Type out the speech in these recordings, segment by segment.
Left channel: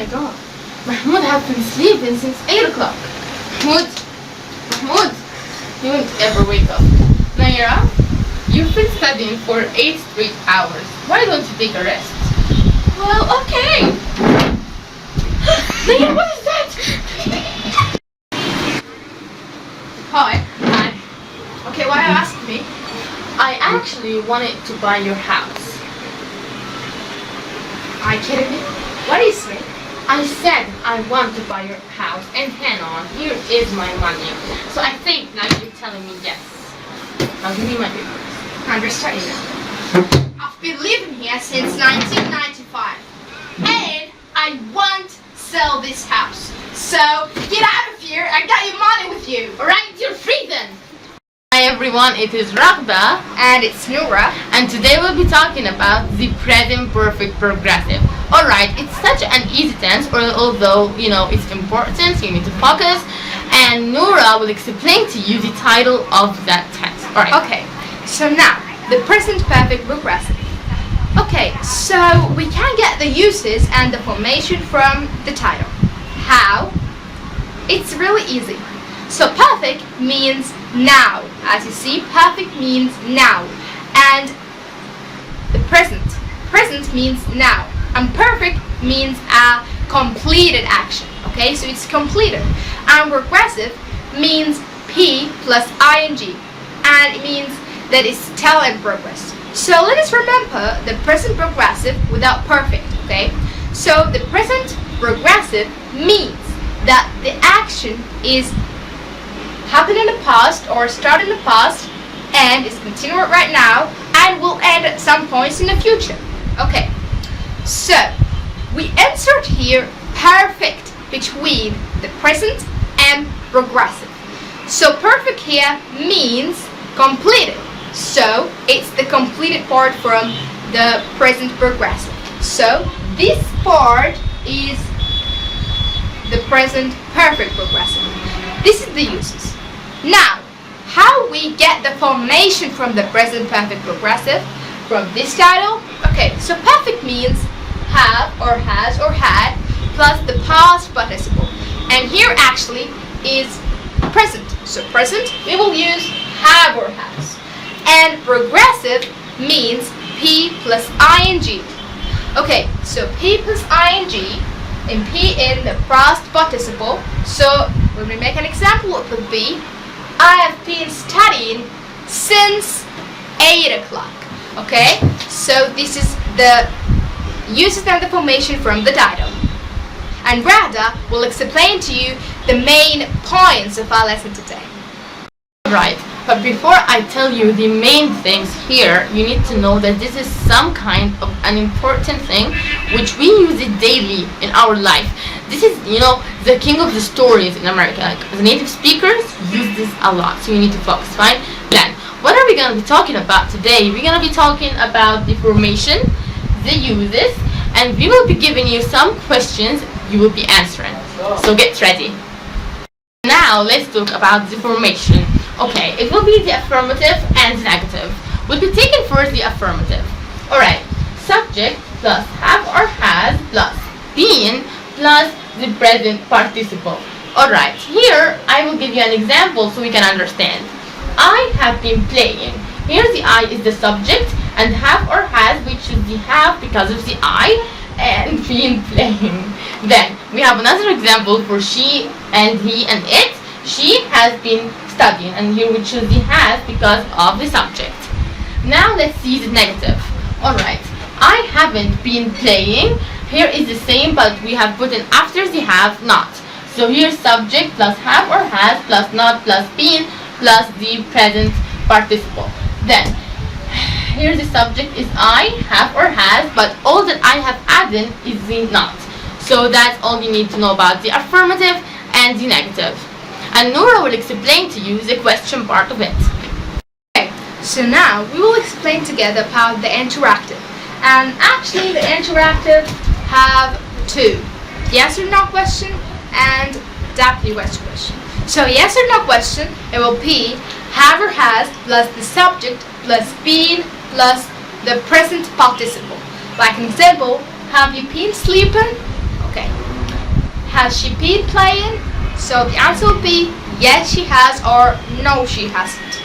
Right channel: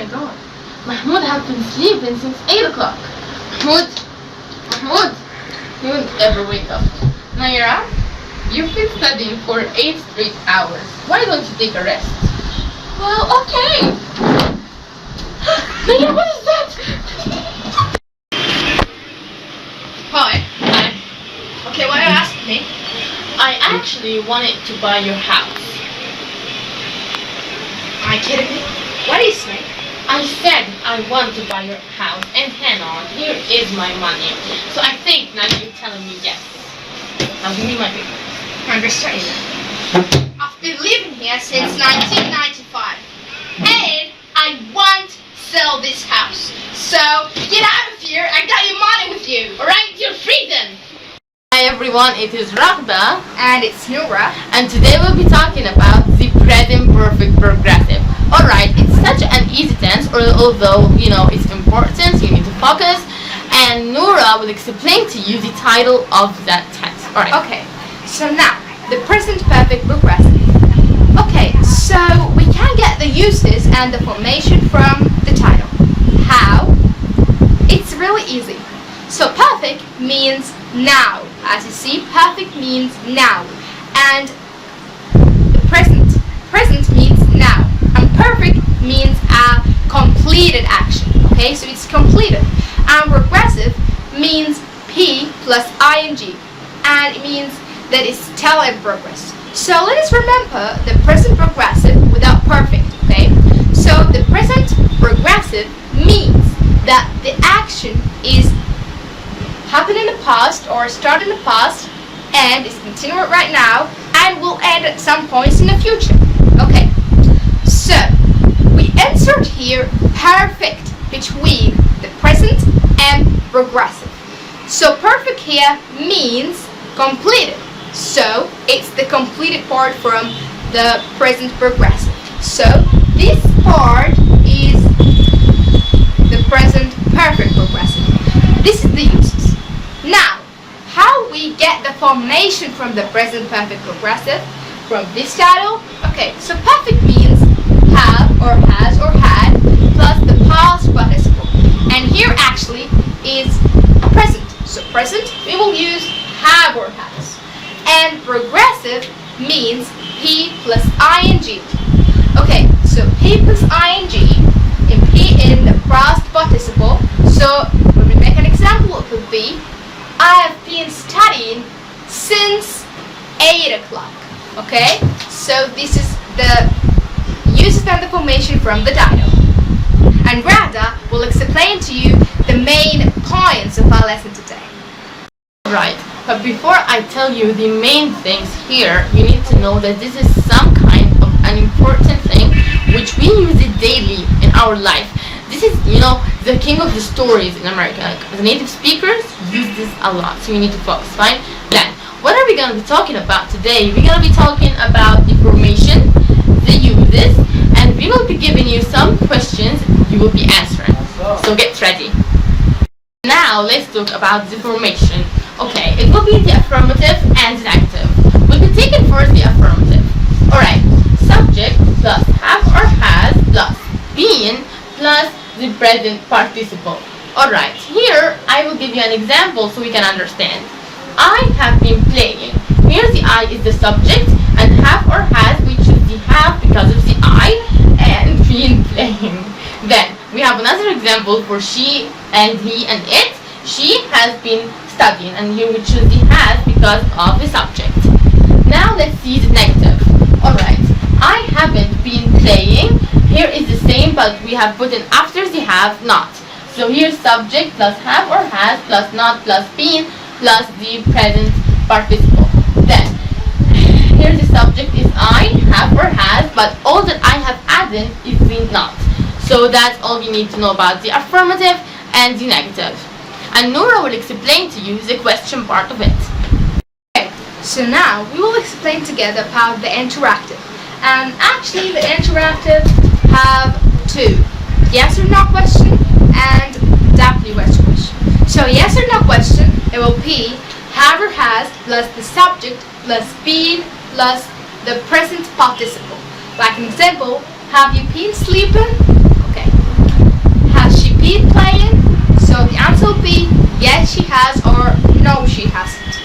my god. Mahmoud has been sleeping since 8 o'clock. Mahmoud, you won't ever wake up. Noura, you've been studying for 8 straight hours. Why don't you take a rest? Well, okay. Noura, what is that? Hi. Okay, why are you asking me? I actually wanted to buy your house. Are you kidding me? What do you say? I said I want to buy your house, and hang on, here is my money. So I think now you're telling me yes. Now give me my papers. Understand. I've been living here since 1995, and I won't sell this house. So get out of here. I got your money with you. All right, you're free then. Hi everyone, it is Raghda, And it's Noura. and today we'll be talking about the present perfect progressive. Alright, it's such an easy tense, although you know it's important, you need to focus, and Noura will explain to you the title of that tense. Alright. Okay, so now the present perfect progressive. Okay, so we can get the uses and the formation from the title. How? It's really easy. So perfect means now. As you see, perfect means now. And the present means now. And perfect means a completed action. Okay, so it's completed. And progressive means P plus ing. And it means that it's still in progress. So let us remember the present progressive without perfect. Okay, so the present progressive means that the action is happened in the past or started in the past and is continuing right now and will end at some points in the future. Okay, so we insert here perfect between the present and progressive. So perfect here means completed. So it's the completed part from the present progressive. So this part is the present perfect progressive. This is the uses. Now, how we get the formation from the present perfect progressive from this title? Okay, so perfect means have or has or had plus the past participle. And here actually is present. So present, we will use have or has. And progressive means P plus ing. Okay, so P plus ing and P in the past participle. So when we make an example, it would be I have been studying since 8 o'clock. Okay, so this is the uses and the formation from the title. And Raghda will explain to you the main points of our lesson today. Right, but before I tell you the main things here, you need to know that this is some kind of an important thing which we use it daily in our life. This is, you know, the king of the stories in America. Like, the native speakers use this a lot, so you need to focus, fine? Then, what are we going to be talking about today? We're going to be talking about the formation, the uses, and we will be giving you some questions you will be answering. So get ready. Now, let's talk about the formation. Okay, it will be the affirmative and the negative. We'll be taking first the affirmative. Alright, subject plus have or has plus been plus the present participle. Alright, here I will give you an example so we can understand. I have been playing. Here the I is the subject and have or has, which is the have because of the I, and been playing. Then we have another example for she and he and it. She has been studying, and here we choose the has because of the subject. Now let's see the negative. Alright, I haven't been playing. Here is the same, but we have put in after the have not. So here subject plus have or has plus not plus been plus the present participle. Then here the subject is I, have or has, but all that I have added is the not. So that's all you need to know about the affirmative and the negative. And Noura will explain to you the question part of it. Okay, so now we will explain together about the interactive. And actually the interactive have two. Yes or no question and WH question. So yes or no question, it will be have or has plus the subject plus been plus the present participle. Like an example, have you been sleeping? Okay, has she been playing? So the answer will be yes she has or no she hasn't.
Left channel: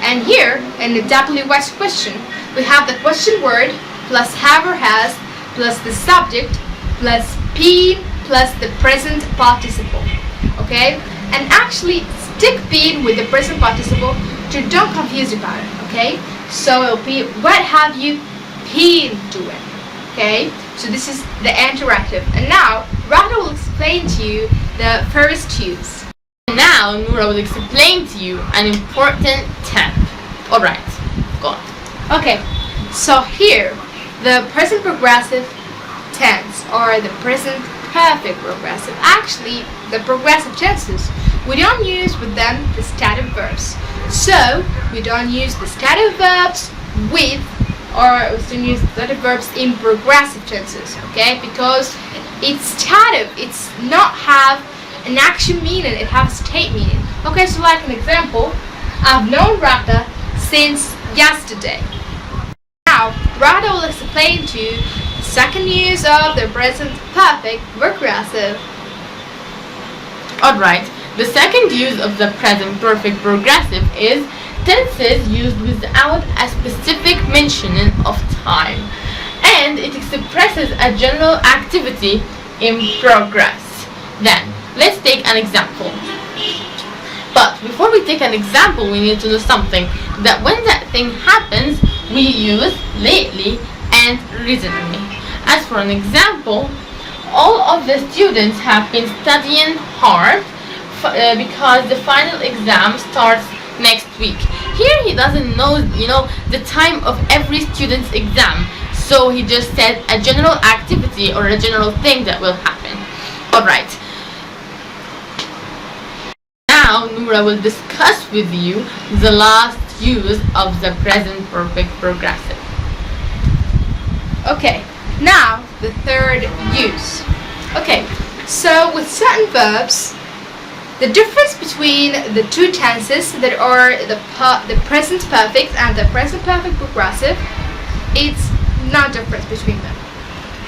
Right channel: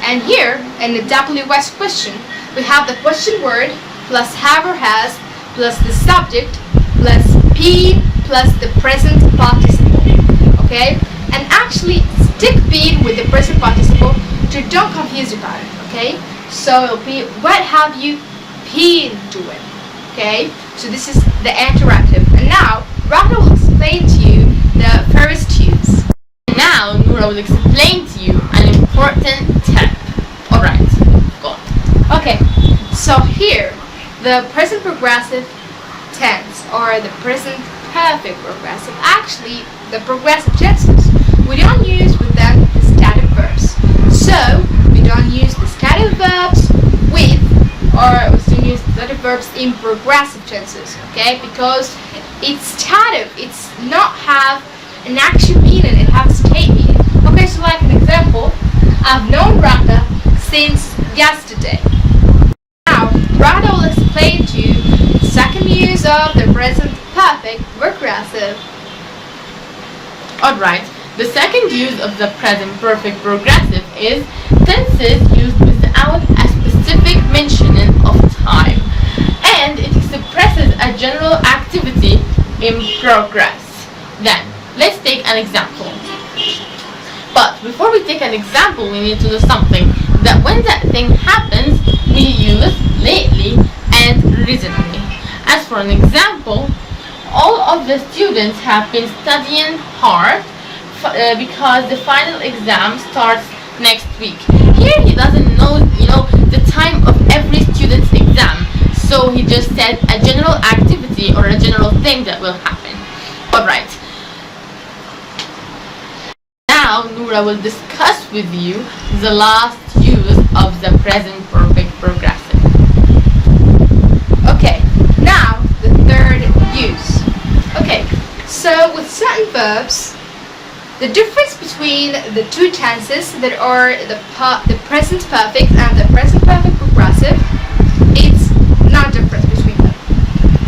And here in the WS question, we have the question word plus have or has plus the subject plus been plus the present participle. Okay? And actually stick been with the present participle to don't confuse about it. Okay? So it'll be what have you been doing? Okay? So this is the interactive. And now Raghda will explain to you the first use. Now Noura will explain to you an important tip. Alright, go on. Okay, so here the present progressive tense or the present perfect progressive, actually the progressive tenses, we don't use with them the stative verbs. So we don't use the stative verbs with, or we don't use the stative verbs in progressive tenses, okay? Because it's stative, it's not have an action meaning, it has a state meaning. Okay, so like an example, I've known Raghda since yesterday. Now, Raghda will explain to you the second use of the present perfect progressive. Alright, the second use of the present perfect progressive is tenses used without a specific mentioning of time, and it expresses a general activity in progress. Then, let's take an example. But before we take an example, we need to know something, that when that thing happens, we use lately and recently. As for an example, all of the students have been studying hard because the final exam starts next week. Here he doesn't know, the time of every student's exam, so he just said a general activity or a general thing that will happen. Alright. Now Noura will discuss with you the last use of the present perfect progressive. Okay, now the third use. Okay, so with certain verbs, the difference between the two tenses that are the present perfect and the present perfect progressive, it's not difference between them.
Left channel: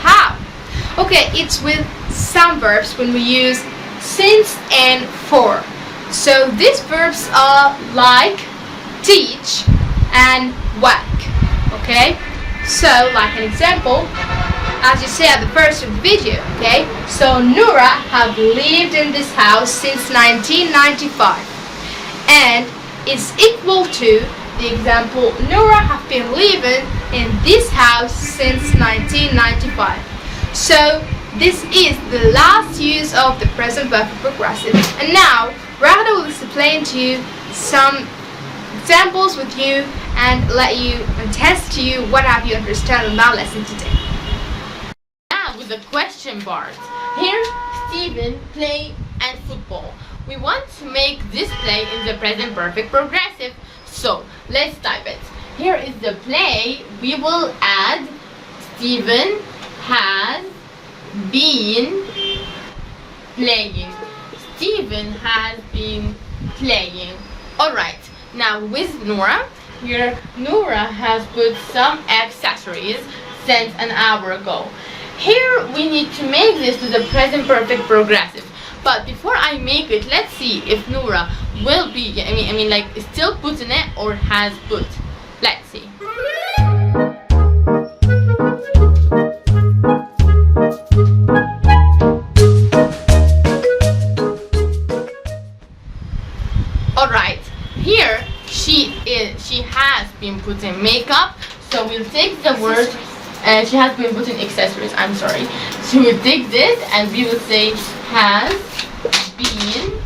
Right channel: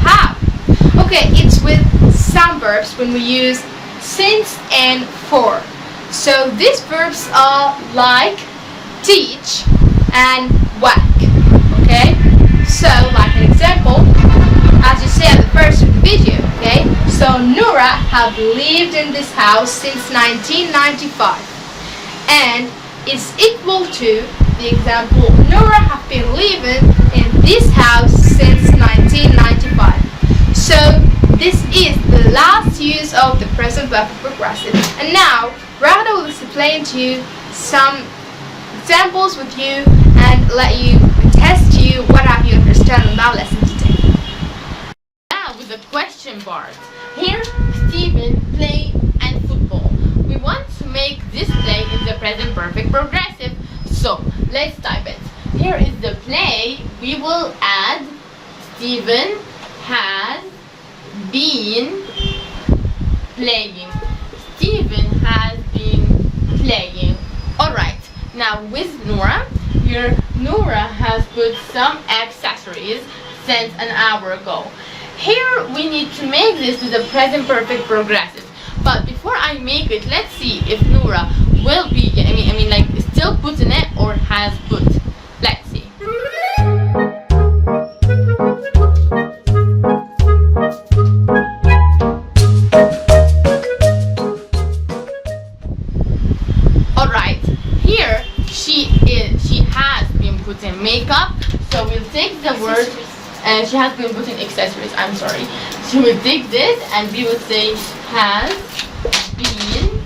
How? Okay, it's with some verbs when we use since and for. So these verbs are like teach and whack. Okay? So like an example, as you see at the first of the video, okay? So Noura have lived in this house since 1995 and is equal to the example Noura have been living in this house since 1995. So this is the last use of the present perfect progressive. And now Raghda will explain to you some examples with you and let you test you what have you understood in that lesson today. Now with the question part. Here, Steven play and football. We want to make this play in the present perfect progressive. So let's type it. Here is the play. We will add Steven has been playing. Steven has been playing. Alright, now with Noura, here Noura has put some accessories since an hour ago. Here we need to make this with the present perfect progressive. But before I make it, let's see if Noura will be, like still putting it or has put. Let's see. Alright, here she has been putting makeup, so we'll take the word, she has been putting accessories, I'm sorry. So we'll take this and we will say has been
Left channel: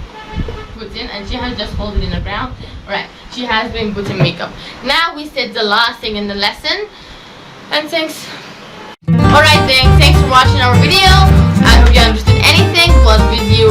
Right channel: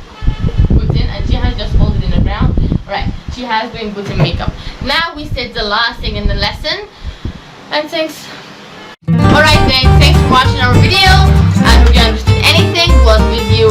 putting, and she has just folded in the ground. Alright, she has been putting makeup. Now we said the last thing in the lesson, and thanks. Alright then, thanks for watching our video. I hope you understood anything was with you.